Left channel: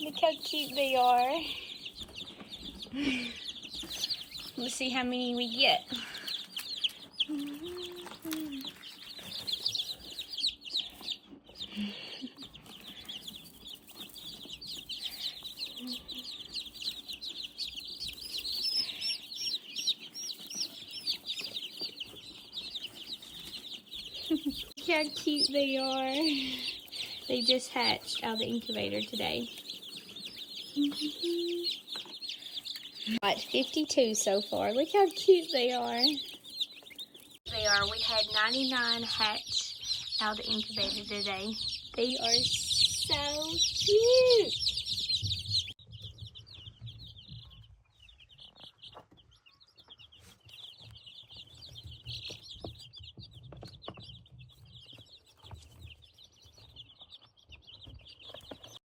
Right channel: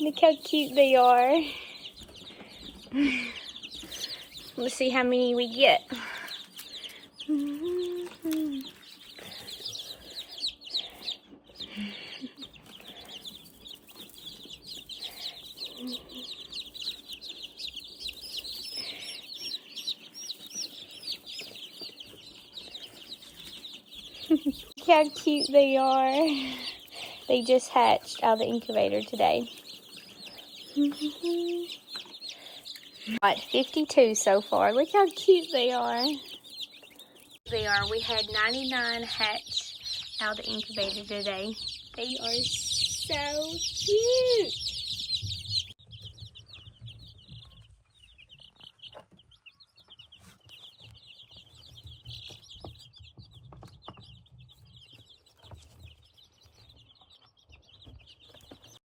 Look how cute they are. Let's see how many we get. Look how cute they are. They just hatched out of the incubator today. Got 52 so far. Look how cute they are. We had 99 hatch out of the incubator today. They are so cute.